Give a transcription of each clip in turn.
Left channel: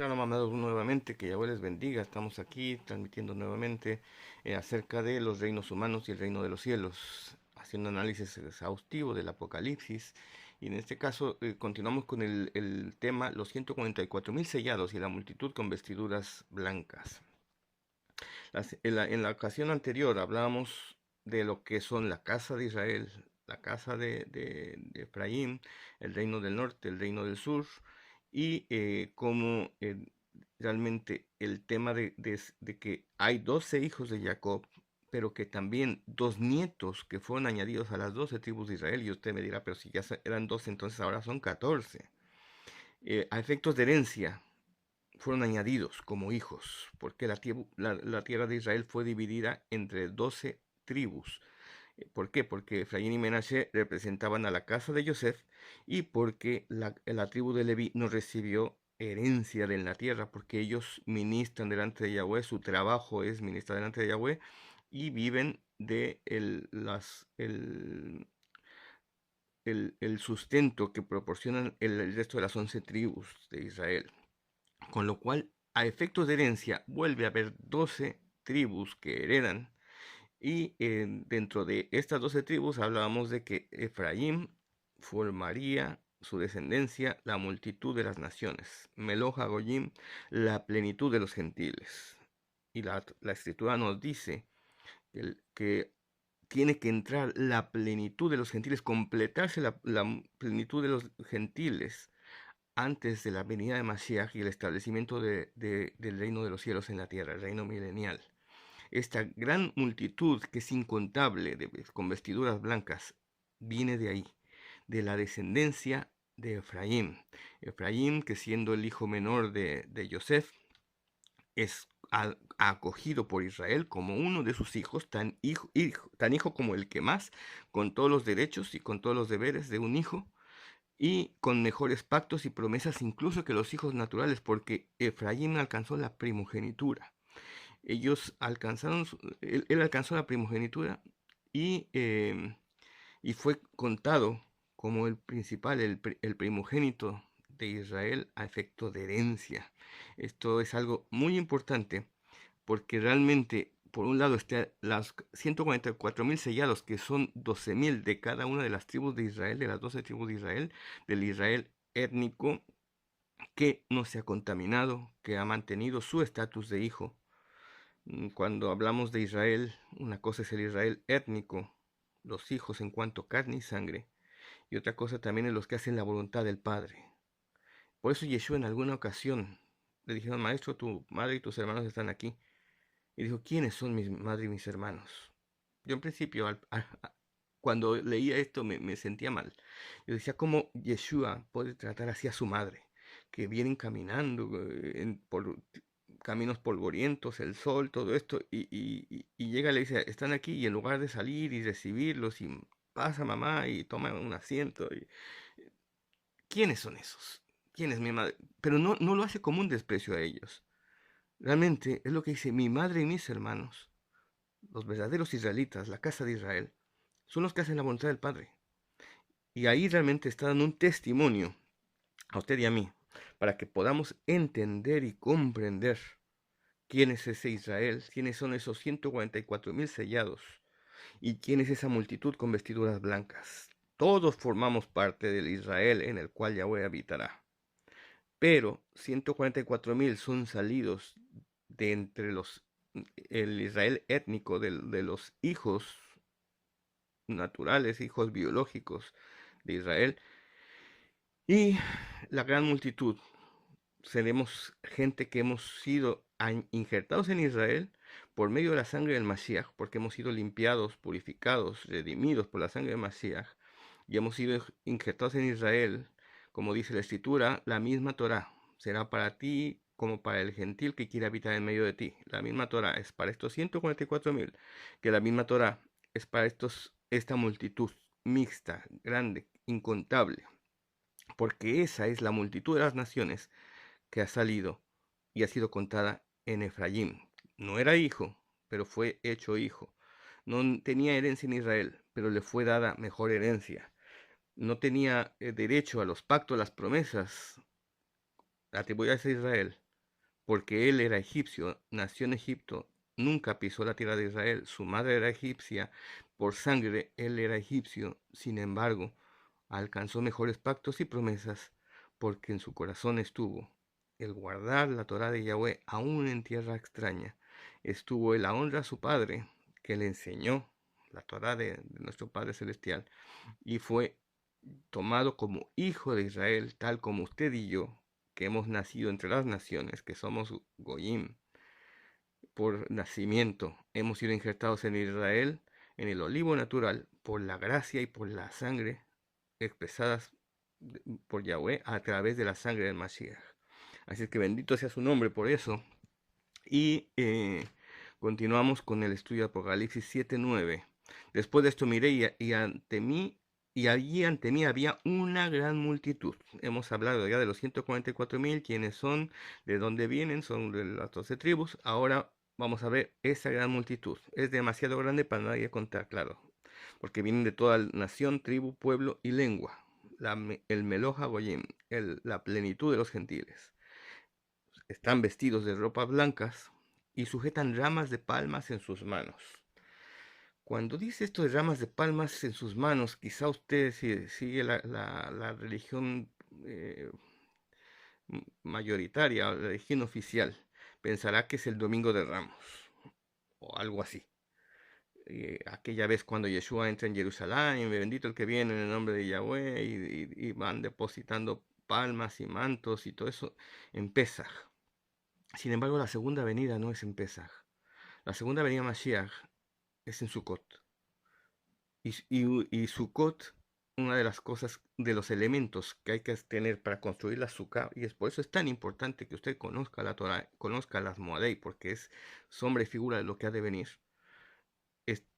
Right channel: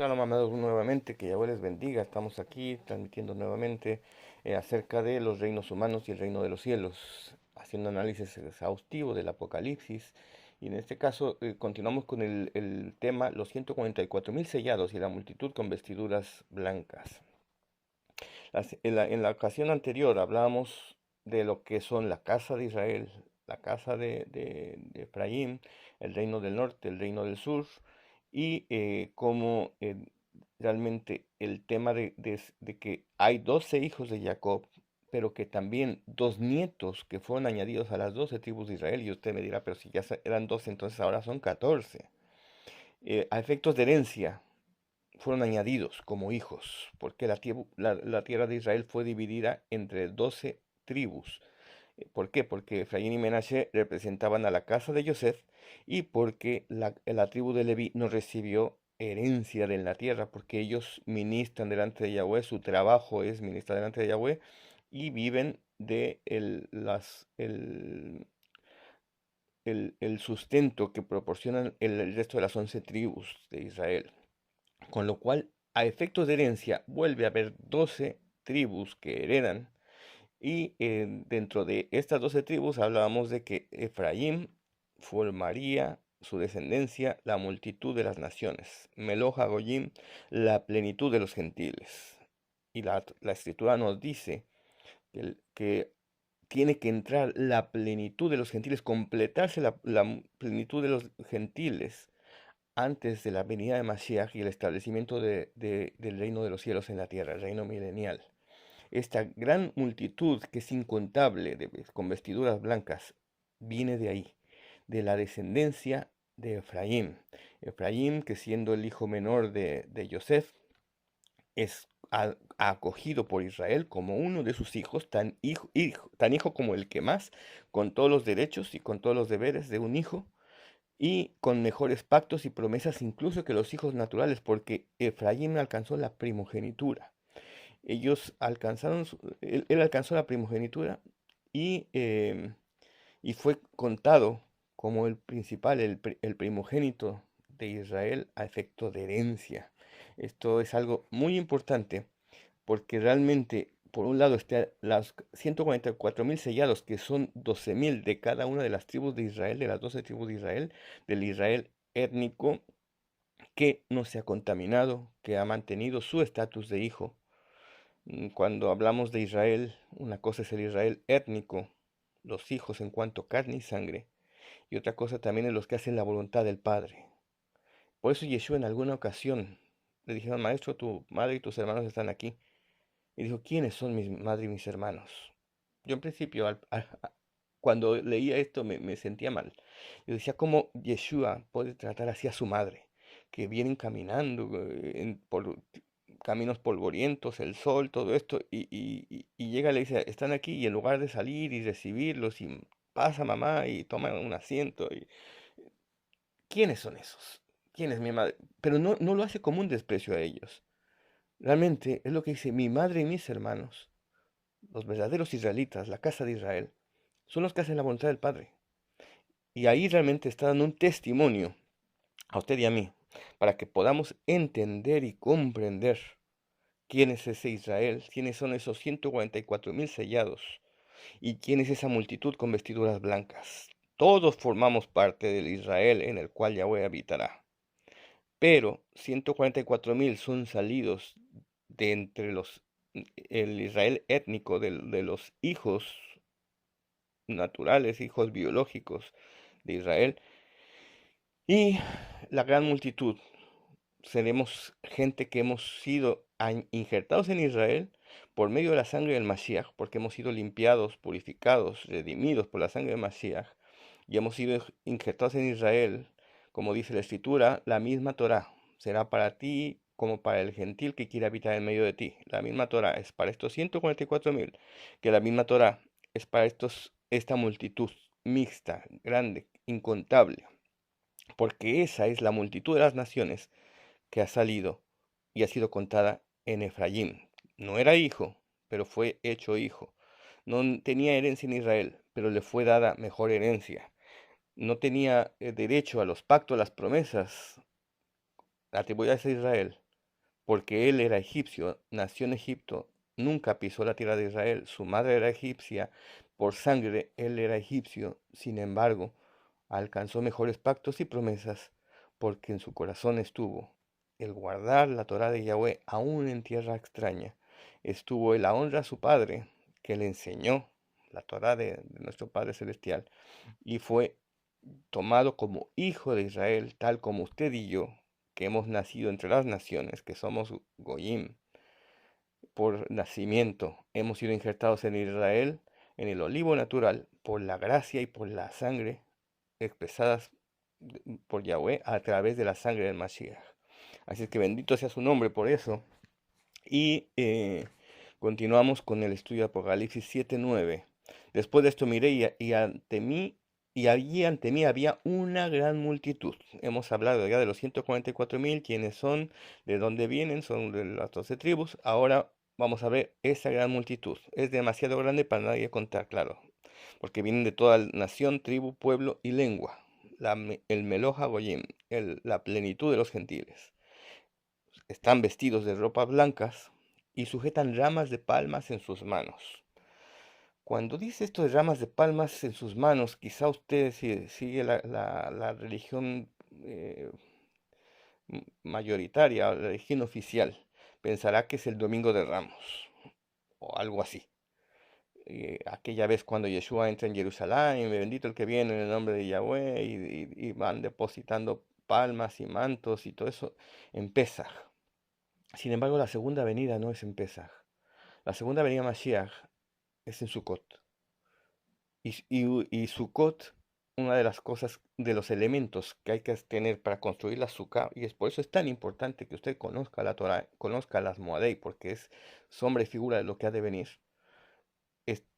Shalom, amados, nuevamente, que Yahweh les bendiga. Estamos aquí transmitiendo nuevamente acerca de los reinos humanos y el reino de los cielos, haciendo análisis exhaustivo del Apocalipsis. Y en este caso continuamos con el tema, los 144.000 sellados y la multitud con vestiduras blancas. En la ocasión anterior hablábamos de lo que son la casa de Israel, la casa de Efraín, el reino del norte, el reino del sur, y cómo realmente el tema de que hay 12 hijos de Jacob, pero que también dos nietos que fueron añadidos a las 12 tribus de Israel, y usted me dirá, pero si ya eran 12, entonces ahora son 14. A efectos de herencia fueron añadidos como hijos, porque la tierra de Israel fue dividida entre 12 tribus. ¿Por qué? Porque Efraín y Menashe representaban a la casa de Yosef y porque la tribu de Leví no recibió herencia de la tierra, porque ellos ministran delante de Yahweh, su trabajo es ministrar delante de Yahweh y viven de el sustento que proporcionan el resto de las 11 tribus de Israel. Con lo cual, a efectos de herencia, vuelve a haber 12 tribus que heredan. Y dentro de estas 12 tribus hablábamos de que Efraín formaría su descendencia la multitud de las naciones. Meloja Goyim, la plenitud de los gentiles. Y la escritura nos dice que tiene que entrar la plenitud de los gentiles, completarse la plenitud de los gentiles antes de la venida de Mashiach y el establecimiento del reino de los cielos en la tierra, el reino milenial. Esta gran multitud que es incontable con vestiduras blancas viene de ahí, de la descendencia de Efraín. Efraín, que siendo el hijo menor de Yosef, es acogido por Israel como uno de sus hijos, tan hijo como el que más, con todos los derechos y con todos los deberes de un hijo y con mejores pactos y promesas incluso que los hijos naturales, porque Efraín alcanzó la primogenitura. Él alcanzó la primogenitura y, y fue contado como el principal, el primogénito de Israel a efecto de herencia. Esto es algo muy importante porque realmente, por un lado, están las 144.000 sellados, que son 12.000 de cada una de las tribus de Israel, de las 12 tribus de Israel, del Israel étnico, que no se ha contaminado, que ha mantenido su estatus de hijo. Cuando hablamos de Israel, una cosa es el Israel étnico, los hijos en cuanto a carne y sangre, y otra cosa también es los que hacen la voluntad del Padre. Por eso Yeshua en alguna ocasión le dijeron, maestro, tu madre y tus hermanos están aquí. Y dijo, ¿quiénes son mi madre y mis hermanos? Yo en principio, cuando leía esto, me sentía mal. Yo decía, ¿cómo Yeshua puede tratar así a su madre? Que vienen caminando por caminos polvorientos, el sol, todo esto, y llega y le dice, están aquí, y en lugar de salir y recibirlos, y pasa mamá y toma un asiento. ¿Quiénes son esos? ¿Quién es mi madre? Pero no lo hace como un desprecio a ellos. Realmente es lo que dice mi madre y mis hermanos, los verdaderos israelitas, la casa de Israel, son los que hacen la voluntad del Padre. Y ahí realmente está dando un testimonio a usted y a mí, para que podamos entender y comprender quién es ese Israel, quiénes son esos 144.000 sellados y quién es esa multitud con vestiduras blancas. Todos formamos parte del Israel en el cual Yahweh habitará. Pero 144.000 son salidos de entre el Israel étnico de los hijos naturales, hijos biológicos de Israel, y la gran multitud. Seremos gente que hemos sido injertados en Israel por medio de la sangre del Mashiach, porque hemos sido limpiados, purificados, redimidos por la sangre del Mashiach, y hemos sido injertados en Israel, como dice la Escritura, la misma Torah será para ti como para el gentil que quiere habitar en medio de ti. La misma Torah es para estos 144.000, que la misma Torah es para esta multitud mixta, grande, incontable, porque esa es la multitud de las naciones que ha salido y ha sido contada en Efraín. No era hijo, pero fue hecho hijo. No tenía herencia en Israel, pero le fue dada mejor herencia. No tenía derecho a los pactos, las promesas, atribuidas a Israel, porque él era egipcio, nació en Egipto, nunca pisó la tierra de Israel, su madre era egipcia, por sangre él era egipcio, sin embargo, alcanzó mejores pactos y promesas, porque en su corazón estuvo el guardar la Torá de Yahweh aún en tierra extraña, estuvo en la honra a su padre, que le enseñó la Torá de nuestro Padre Celestial, y fue tomado como hijo de Israel, tal como usted y yo, que hemos nacido entre las naciones, que somos Goyim, por nacimiento, hemos sido injertados en Israel, en el olivo natural, por la gracia y por la sangre expresadas por Yahweh a través de la sangre del Mashiach. Así es que bendito sea su nombre por eso. Y continuamos con el estudio de Apocalipsis 7:9. Después de esto miré y allí ante mí había una gran multitud. Hemos hablado ya de los 144,000, quiénes son, de dónde vienen, son de las 12 tribus. Ahora vamos a ver esa gran multitud. Es demasiado grande para nadie contar, claro, porque vienen de toda nación, tribu, pueblo y lengua. El Meloja Goyim, la plenitud de los gentiles. Están vestidos de ropas blancas y sujetan ramas de palmas en sus manos. Cuando dice esto de ramas de palmas en sus manos, quizá usted si sigue la religión mayoritaria, la religión oficial, pensará que es el Domingo de Ramos o algo así. Aquella vez cuando Yeshua entra en Jerusalén, bendito el que viene en el nombre de Yahweh, y van depositando palmas y mantos y todo eso en Pesaj. Sin embargo, la segunda venida no es en Pesaj. La segunda venida Mashiach es en Sukkot. Y Sukkot, una de las cosas, de los elementos que hay que tener para construir la Sukkah, y es por eso es tan importante que usted conozca la Torah, conozca las Moadei, porque es sombra y figura de lo que ha de venir.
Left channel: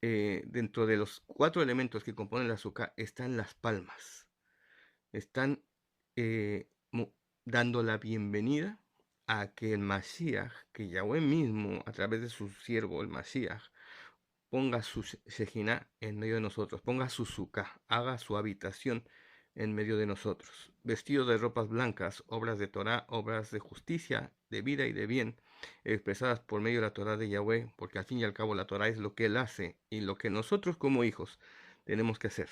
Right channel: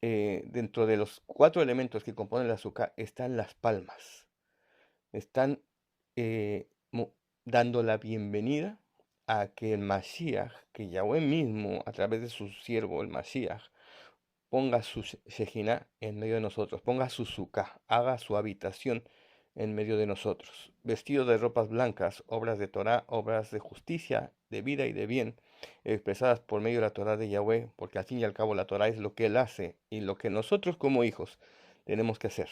Dentro de los 4 elementos que componen la Sukkah están las palmas. Están eh, dando la bienvenida a que el Mashiach, que Yahweh mismo, a través de su siervo, el Mashiach, ponga su Shejinah en medio de nosotros, ponga su Sukkah, haga su habitación en medio de nosotros, vestido de ropas blancas, obras de Torah, obras de justicia, de vida y de bien, expresadas por medio de la Torah de Yahweh, porque al fin y al cabo la Torah es lo que Él hace y lo que nosotros como hijos tenemos que hacer.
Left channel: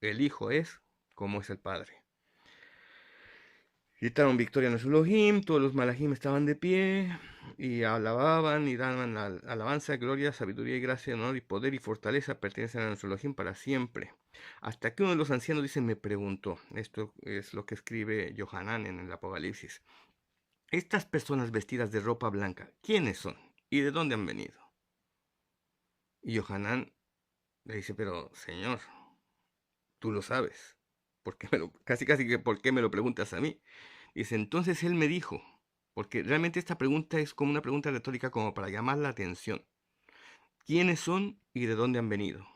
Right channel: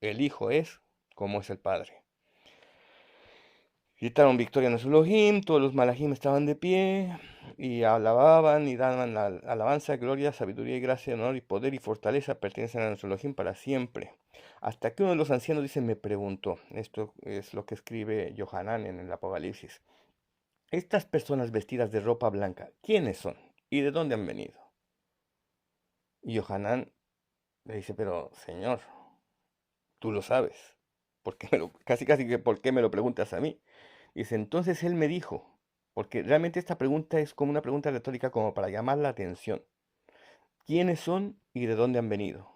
El Hijo es como es el Padre. Gritaron victoria en Elohim, todos los malajim estaban de pie y alababan y daban la alabanza, gloria, sabiduría y gracia, honor y poder y fortaleza pertenecen a nuestro Elohim para siempre. Hasta que uno de los ancianos dice, me preguntó, esto es lo que escribe Yohanan en el Apocalipsis, estas personas vestidas de ropa blanca, ¿quiénes son? ¿Y de dónde han venido? Y Yohanan le dice, pero Señor, tú lo sabes, casi que ¿por qué me lo preguntas a mí? Dice, entonces él me dijo, porque realmente esta pregunta es como una pregunta retórica como para llamar la atención. ¿Quiénes son y de dónde han venido?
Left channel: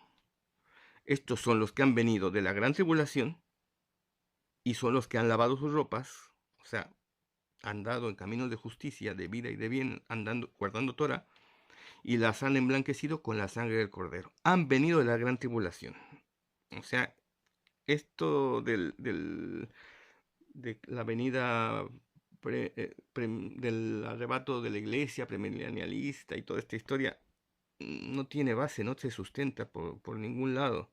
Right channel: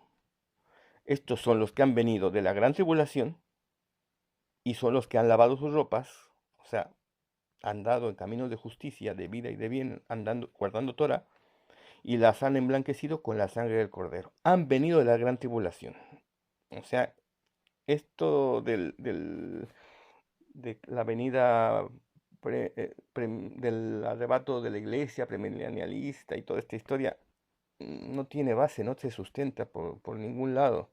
Estos son los que han venido de la gran tribulación y son los que han lavado sus ropas, o sea, han dado en caminos de justicia, de vida y de bien, andando, guardando Torah, y las han emblanquecido con la sangre del Cordero. Han venido de la gran tribulación. O sea, esto de la venida del arrebato de la iglesia premilenialista y toda esta historia no tiene base, no se sustenta por ningún lado.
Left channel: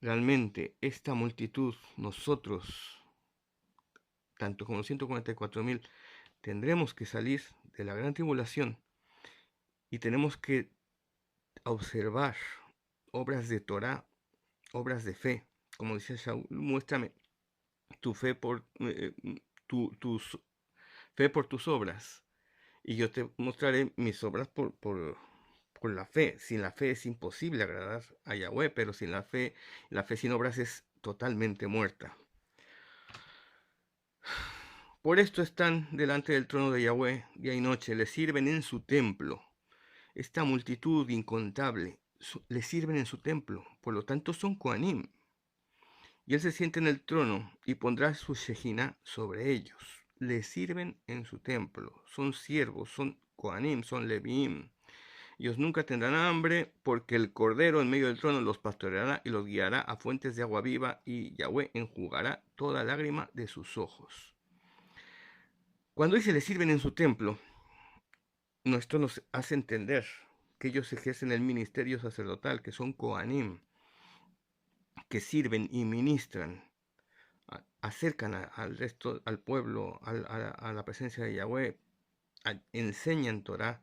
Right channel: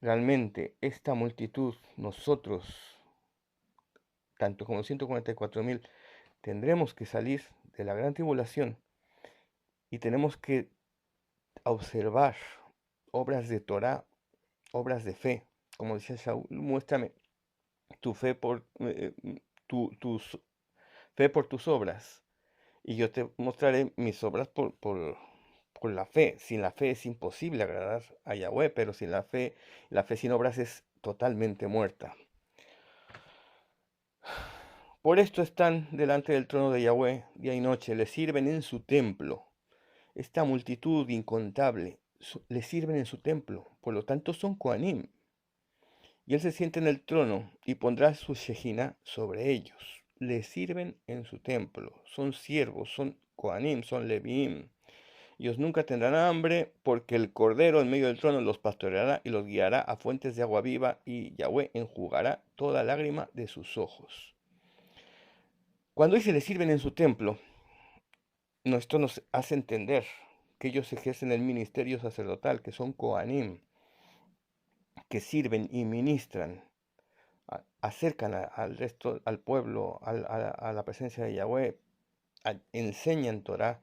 Realmente esta multitud, nosotros, tanto como los 144,000, tendremos que salir de la gran tribulación y tenemos que observar obras de Torah, obras de fe. Como decía Shaul, muéstrame tu fe tus fe por tus obras, y yo te mostraré mis obras por la fe. Sin la fe es imposible agradar a Yahweh, pero sin la fe sin obras es totalmente muerta. Por esto están delante del trono de Yahweh día y noche, le sirven en su templo. Esta multitud incontable le sirven en su templo, por lo tanto son Kohanim. Y él se siente en el trono y pondrá su Shejinah sobre ellos. Le sirven en su templo, son siervos, son Kohanim, son Leviim. Ellos nunca tendrán hambre, porque el Cordero en medio del trono los pastoreará y los guiará a fuentes de agua viva, y Yahweh enjugará toda lágrima de sus ojos. Cuando dice le sirven en su templo, esto nos hace entender que ellos ejercen el ministerio sacerdotal, que son Kohanim, que sirven y ministran, acercan al resto, al pueblo, a la presencia de Yahweh, enseñan Torah,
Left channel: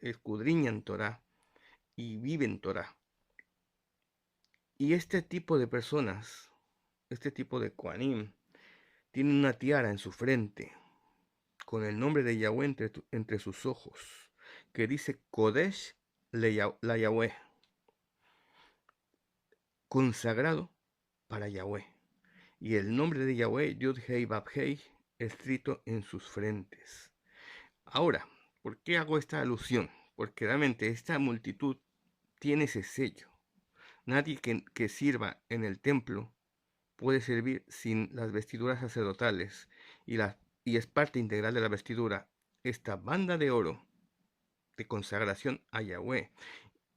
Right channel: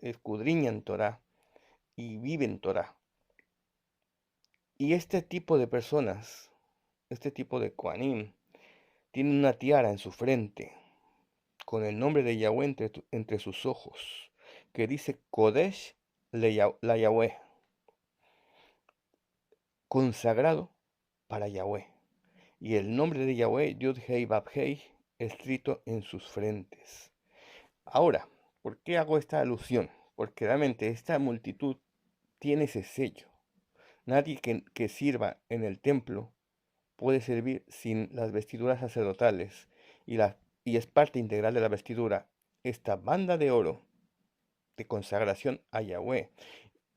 escudriñan Torah y viven Torah. Y este tipo de personas, este tipo de Kohanim, tienen una tiara en su frente, con el nombre de Yahweh entre sus ojos, que dice Kodesh la Yahweh, consagrado para Yahweh. Y el nombre de Yahweh, Yud Hei Bab Hei, escrito en sus frentes. Ahora, ¿por qué hago esta alusión? Porque realmente esta multitud tiene ese sello. Nadie que sirva en el templo puede servir sin las vestiduras sacerdotales y es parte integral de la vestidura esta banda de oro de consagración a Yahweh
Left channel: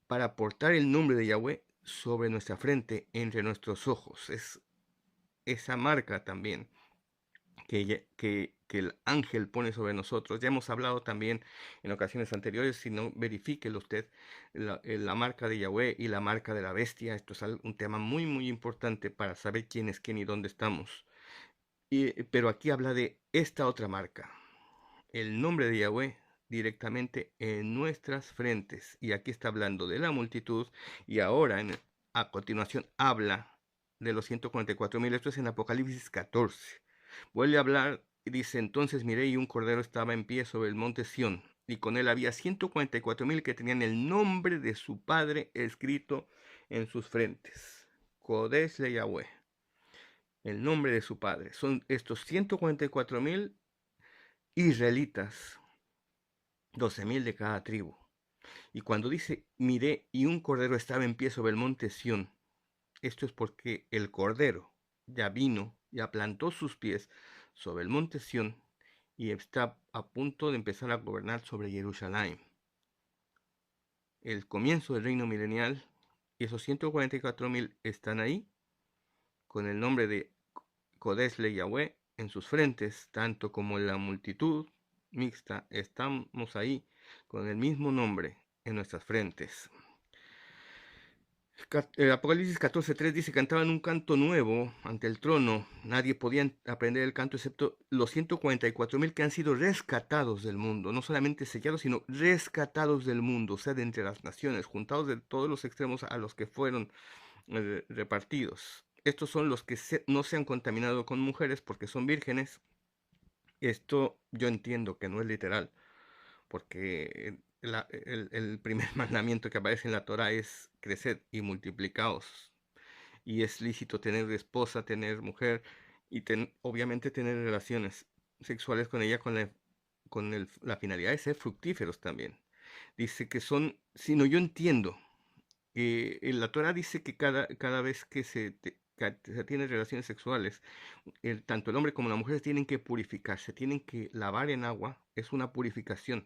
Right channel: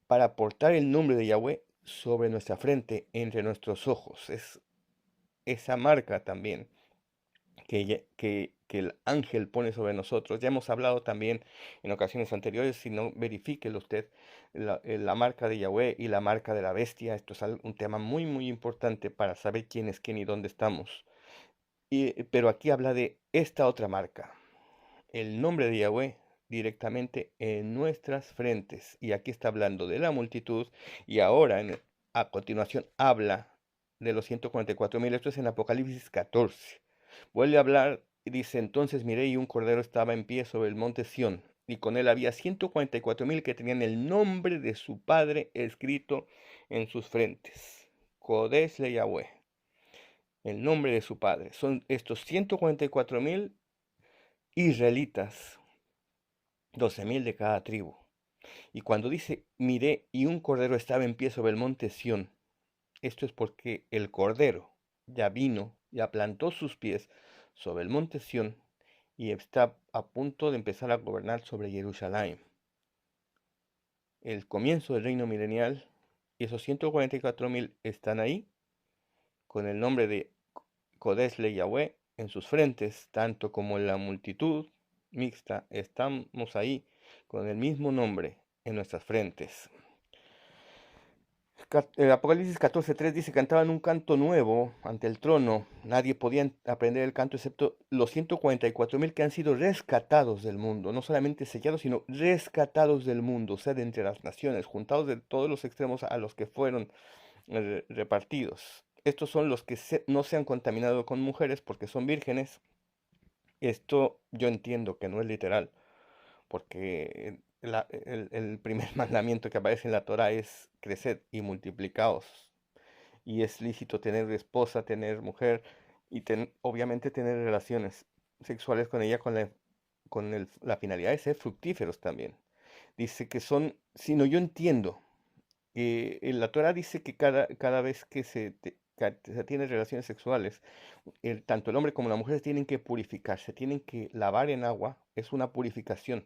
para portar el nombre de Yahweh sobre nuestra frente, entre nuestros ojos. Es esa marca también que el ángel pone sobre nosotros. Ya hemos hablado también en ocasiones anteriores, si no, verifíquelo usted, la marca de Yahweh y la marca de la bestia. Esto es un tema muy, muy importante para saber quién es quién y dónde estamos. Pero aquí habla de esta otra marca, el nombre de Yahweh directamente en nuestras frentes. Y aquí está hablando de la multitud y ahora a continuación habla de los 144,000. Esto es en Apocalipsis 14. Vuelve a hablar y dice, entonces miré y un cordero estaba en pie sobre el monte Sión, y con él había 144,000 que tenían el nombre de su padre escrito en sus frentes. Kodesh le Yahweh, el nombre de su padre. Son estos 144,000 israelitas, 12,000 de cada tribu. Y cuando dice, miré y un cordero estaba en pie sobre el monte Sión, esto es porque el cordero ya vino, ya plantó sus pies sobre el monte Sión y está a punto de empezar a gobernar sobre Jerusalén. El comienzo del reino milenial, y esos 144,000 están ahí con el nombre de Kodesh le Yahweh en sus frentes, tanto como en la multitud mixta, estamos ahí con el mismo nombre en nuestras frentes. El Apocalipsis 14:3 dice, cantaban un canto nuevo ante el trono. Nadie podía aprender el canto excepto los 144,000 que han sido rescatados del mundo, no solamente sellados, sino rescatados del mundo, o sea, de entre las naciones, juntados de todos los extremos a los que fueron repartidos. Estos son los que no se han contaminado con mujeres porque son vírgenes. Esto yo entiendo que no es literal, porque el primer mandamiento que aparece en la Torah es crecer y multiplicaos. Y es lícito tener esposa, tener mujer y obviamente tener relaciones sexuales con ella la finalidad de ser fructíferos también. Dice que son, sino yo entiendo que en la Torah dice que cada vez que se tiene relaciones sexuales, tanto el hombre como la mujer tienen que purificarse, tienen que lavar en agua, es una purificación.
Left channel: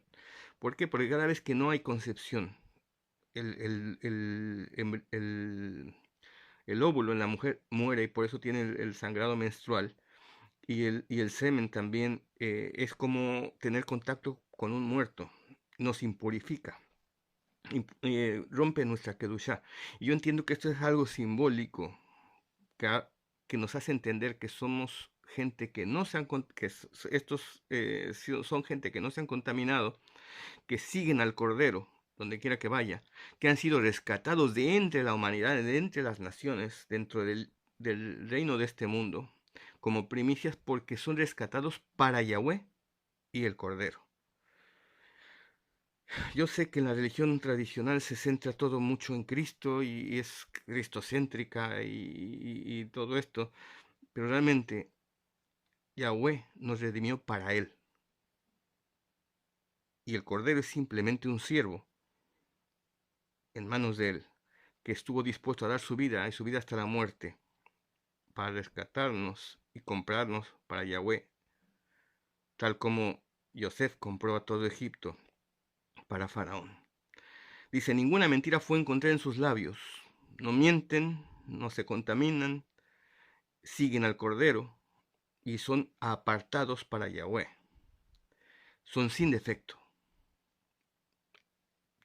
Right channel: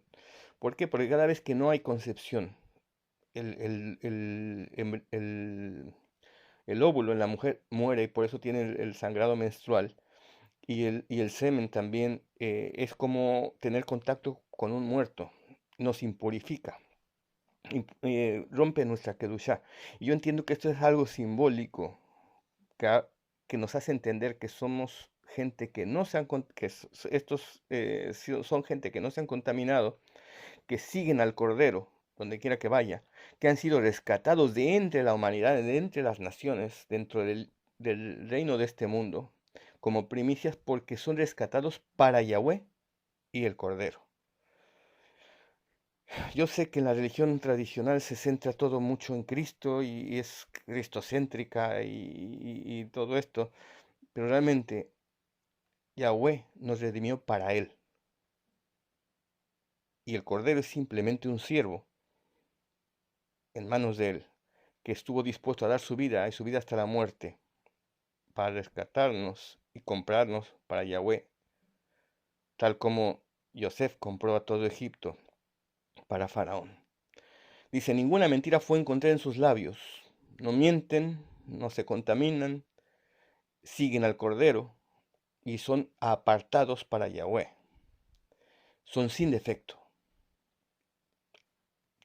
¿Por qué? Porque cada vez que no hay concepción, el óvulo en la mujer muere y por eso tiene el sangrado menstrual. Y el semen también es como tener contacto con un muerto, nos impurifica, rompe nuestra kedushá. Y yo entiendo que esto es algo simbólico que nos hace entender que somos gente que no se han, estos son gente que no se han contaminado, que siguen al Cordero, donde quiera que vaya, que han sido rescatados de entre la humanidad, de entre las naciones, dentro del reino de este mundo, como primicias porque son rescatados para Yahweh y el Cordero. Yo sé que en la religión tradicional se centra todo mucho en Cristo y es cristocéntrica y todo esto, pero realmente Yahweh nos redimió para Él. Y el Cordero es simplemente un siervo en manos de Él, que estuvo dispuesto a dar su vida y su vida hasta la muerte para rescatarnos y comprarnos para Yahweh, tal como Yosef compró a todo Egipto para Faraón. Dice, ninguna mentira fue encontrada en sus labios. No mienten, no se contaminan, siguen al Cordero, y son apartados para Yahweh. Son sin defecto.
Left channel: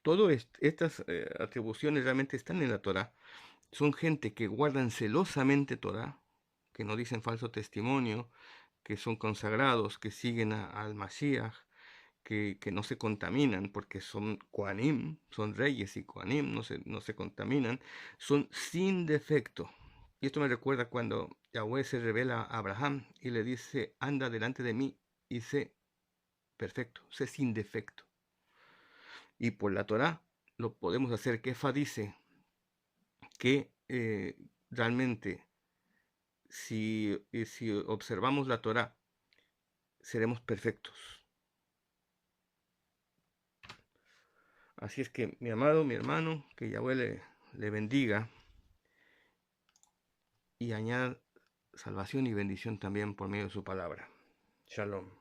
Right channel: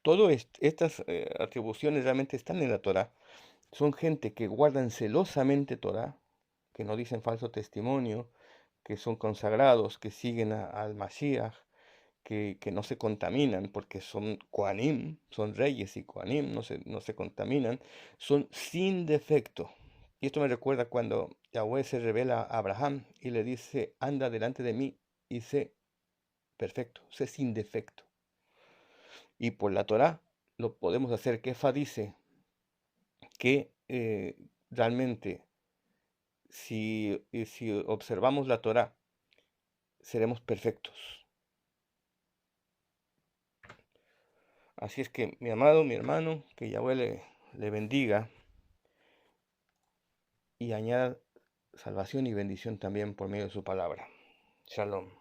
Todas estas atribuciones realmente están en la Torá. Son gente que guardan celosamente Torá, que no dicen falso testimonio, que son consagrados, que siguen al Mashiach, que no se contaminan porque son Kohanim, son reyes y Kohanim, no se contaminan, son sin defecto. Y esto me recuerda cuando Yahweh se revela a Abraham y le dice, anda delante de mí y sé perfecto, sé sin defecto. Y por la Torá lo podemos hacer. Kefa dice que realmente si observamos la Torá, seremos perfectos. Así es que, mi amado, mi hermano, que Yahweh le bendiga y añada salvación y bendición también por medio de su palabra. Shalom.